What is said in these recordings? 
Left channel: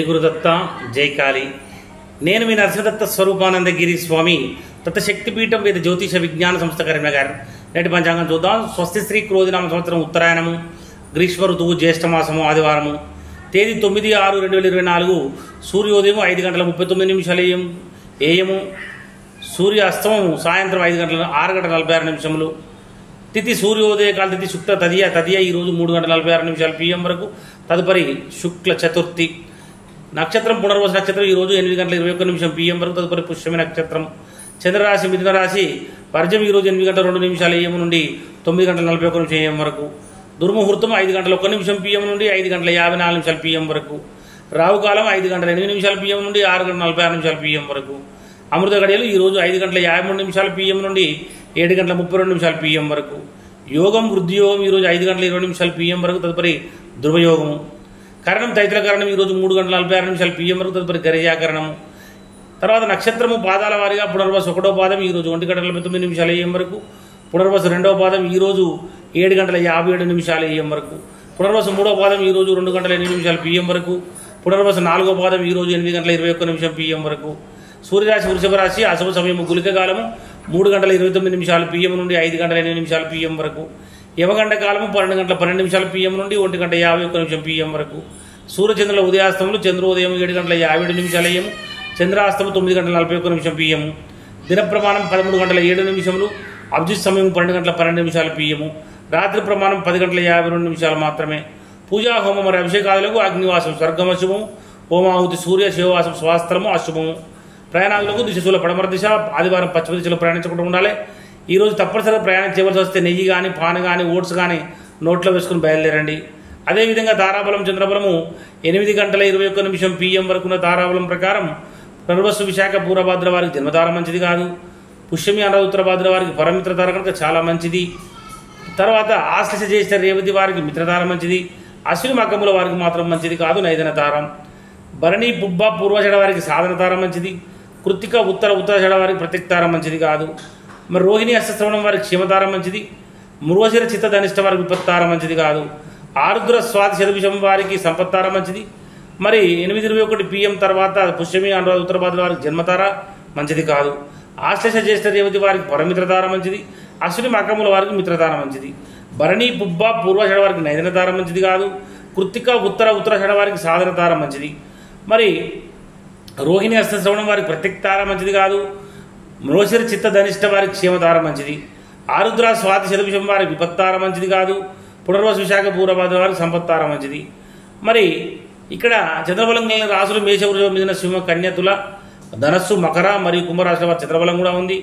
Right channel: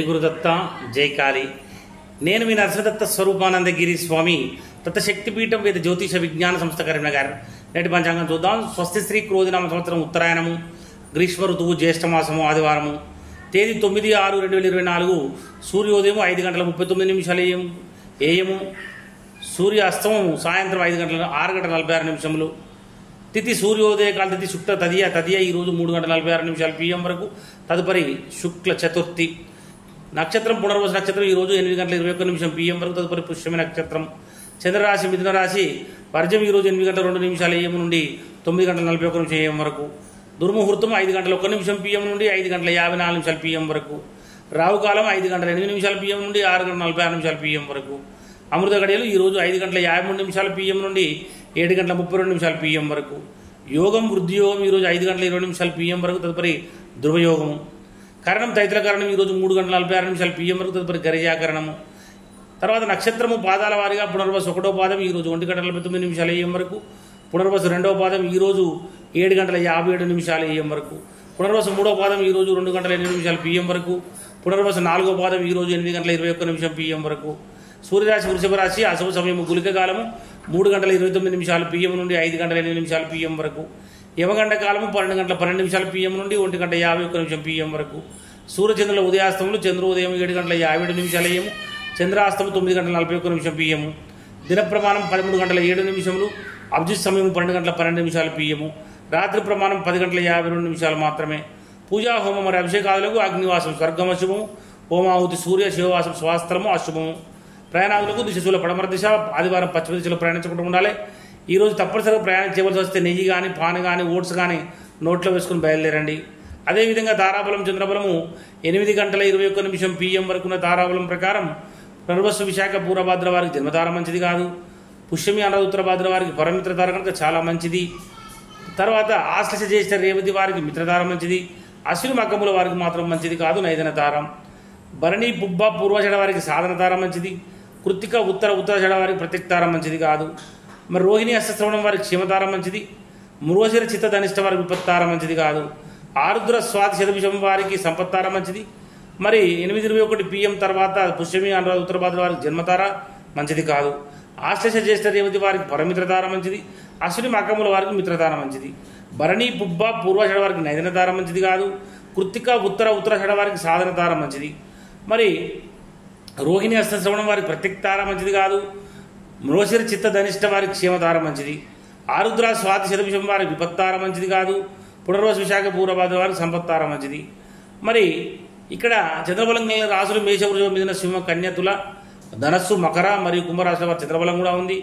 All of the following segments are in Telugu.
జై గురుదత్త జై కాళీ. నేను మీ నరసింహదత్త స్వరూపానందగిరి స్వామి దత్తశక్తిపీఠం వేద జ్యోతిష విజ్ఞాన సంస్థ కరీంనగర్. నేటి పంచాంగం చూద్దాం. స్వస్తి శ్రీ క్రోధినామ సంవత్సరం ఉత్తరాయణము, గ్రీష్మ ఋతువు, జ్యేష్ఠమాసము, ఆదివారము. తేదీ 9/6/2024. సూర్యోదయం 5:39 ఏఎము. సూర్య అస్తమం సాయంత్రం 6:46. తిథి సూర్యోదయకాల తిథి శుక్ల తదియ ఈరోజు 3:46 PM వరకు. తదుపరి శుక్ల చతుర్థి. నక్షత్రం పునర్వసు నక్షత్రం ఈరోజు 8:21 PM వరకు. తదుపరి పుష్యమి నక్షత్రం. చంద్రరాశి మిథున రాశి. వర్జం ఈరోజు 8:02 AM నుండి 9:41 AM వరకు. దుర్ముహూర్తం 5:01 PM నుండి 5:54 PM వరకు. రావుకాలం 5:08 PM నుండి 6:46 PM వరకు. అమృత గడియలు ఈరోజు 5:53 PM నుండి 7:32 PM వరకు. యోగం వృద్ధి యోగం ఈరోజు 5:20 PM వరకు. తదుపరి ధ్రువయోగము. కరణం తైతుల కరణం ఈరోజు 3:46 PM వరకు. తదుపరి గరిజాకరణము. తర్వాత నక్షత్రము పాదాల వారిగా పునర్వసు 1వ పాదం ఈరోజు 1:49 AM వరకు. పునర్వసు 2వ పాదం ఈరోజు 7:57 AM వరకు. పునర్వసు 3వ పాదం ఈరోజు 2:08 PM వరకు. పునర్వసు 4వ పాదం ఈరోజు 8:21 PM వరకు. సూర్యరాశి వృషభ రాశి. అశుభ సమయము గుళిక కాలము 3:29 PM నుండి 5:08 PM వరకు. యమగండ కాలము 12:12 PM నుండి 1:51 PM వరకు. సూర్యచంద్రుల ఉదయాస్తములు చంద్రోదయం 7:57 AM, చంద్రాస్తము 9:41 PM. దిన ప్రమాణం 13:07. అభిజిత్ సమయం 12:12 PM. రాత్రి ప్రమాణం 10:52 మాత్రమే. పూజా హోమం మరియు అభిషేకాదులకు అగ్నివాసం స్వర్గం అశుభము. హోమాహుతి సూర్య శివవాసం స్వాస్త్రము అశుభము. ప్రయాణాలకు దిశలో పడమర దిశ. ఆదివారం పశ్చిమ దిశలో ప్రయాణించకుండా ఉండాలి. ఈరోజు తప్పనిసరిగా ప్రయాణం చేయవలసి వస్తే నెయ్యి కానీ, పాన్ కానీ, ఓట్స్ కానీ నోట్లో వేసుకుని బయలుదేరండి. అదేవిధంగా తారాబలం చంద్రబలము 8:21 PM వరకు ఉన్న తారాబలం ప్రకారం పునర్వసు విశాఖ పూర్వభాద్ర వారికి జన్మతార మంచిది కాదు. పుష్యమి అన్నది ఉత్తరభాద్ర వారికి పరమిత్రతార కనుక చాలా మంచిది. తర్వాత ఆశ్లేష జ్యేష్ఠ రేవతి వారికి మిత్రతార మంచిది. అశ్విని మకముల వారికి మాత్రం మంచిది కాదు, నైదన తారం. భరణి పుబ్బ పూర్వషడ వారికి సాధన తార మంచిది. కృత్తిక ఉత్తరషడ వారికి ప్రత్యక్తారం మంచిది కాదు. మరి రోహిణి హస్తశ్రవణం వారికి క్షేమతారం మంచిది. మృగశిర చిత్త ధనిష్ట వారికి విపత్తారం మంచిది కాదు. ఆరుద్ర స్వాతి శతభిషం వారికి సంపత్తారం మంచిది. మరి 8:21 PM తర్వాత పుష్యమి అనురాధ ఉత్తరభాద్ర వారికి జన్మతార మంచిది కాదు. ఆశ్లేష జ్యేష్ఠ రేవతి వారికి పరమిత్రతార మంచిది. అశ్విని మకముల వారికి మిత్రతార మంచిది. భరణి పుబ్బ పూర్వషడ వారికి నైదన తార మంచిది కాదు. కృత్తిక ఉత్తరషడ వారికి సాధన తార మంచిది. మరి రోహిణి హస్తశ్రవణం వారికి ప్రత్యక్తార మంచిది కాదు. మృగశిర చిత్త ధనిష్ట వారికి క్షేమతార మంచిది. ఆరుద్ర స్వాతి శతభిషం వారికి విపత్తార మంచిది కాదు. పునర్వసు విశాఖ పూర్వభాద్ర వారికి సంపత్తార మంచిది. మరి ఇక్కడ చంద్రబలం రాశులు మేషవృషభ మిథున సింహ కన్య తుల ధనస్సు మకర మరియు కుంభరాశుల వారి చంద్రబలం కూడా ఉంది.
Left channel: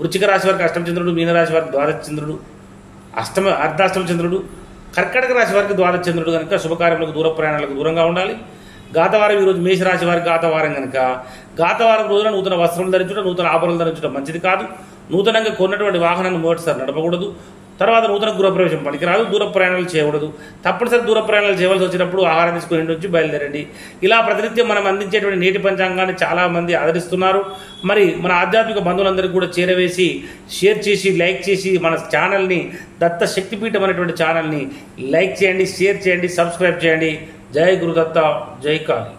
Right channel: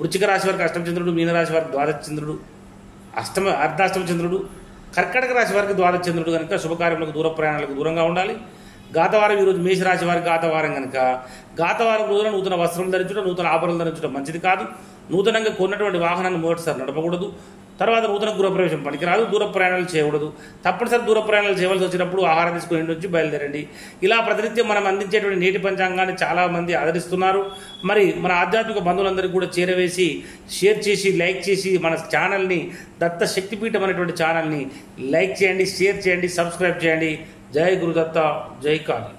వృశ్చిక రాశి వారికి అష్టమ చంద్రుడు, మీనరాశి వారికి ద్వాదశ చంద్రుడు, అర్ధాష్టమ చంద్రుడు. కర్కటక రాశి వారికి ద్వాదశ చంద్రుడు కనుక శుభకార్యములకు దూర ప్రయాణాలకు దూరంగా ఉండాలి. గాతవారం ఈరోజు మేషరాశి వారికి గాతవారం కనుక గాతవారం రోజున నూతన వస్త్రం ధరించడం, నూతన ఆభరణలు ధరించడం మంచిది కాదు. నూతనంగా కొన్నటువంటి వాహనాన్ని మొదటిసారి నడపకూడదు. తర్వాత నూతన గృహప్రవేశం పనికిరాదు. దూర ప్రయాణాలు చేయకూడదు. తప్పనిసరి దూర ప్రయాణాలు చేయవలసి వచ్చినప్పుడు ఆహారం తీసుకుని ఇంటి నుంచి బయలుదేరండి. ఇలా ప్రతినిత్యం మనం అందించేటువంటి నేటి పంచాంగాన్ని చాలామంది ఆదరిస్తున్నారు. మరి మన ఆధ్యాత్మిక బంధువులందరికీ కూడా చేరవేసి షేర్ చేసి లైక్ చేసి మన ఛానల్ని దత్త శక్తిపీఠం అనేటువంటి ఛానల్ని లైక్ చేయండి, షేర్ చేయండి, సబ్స్క్రైబ్ చేయండి. జై గురుదత్త జై కాళీ.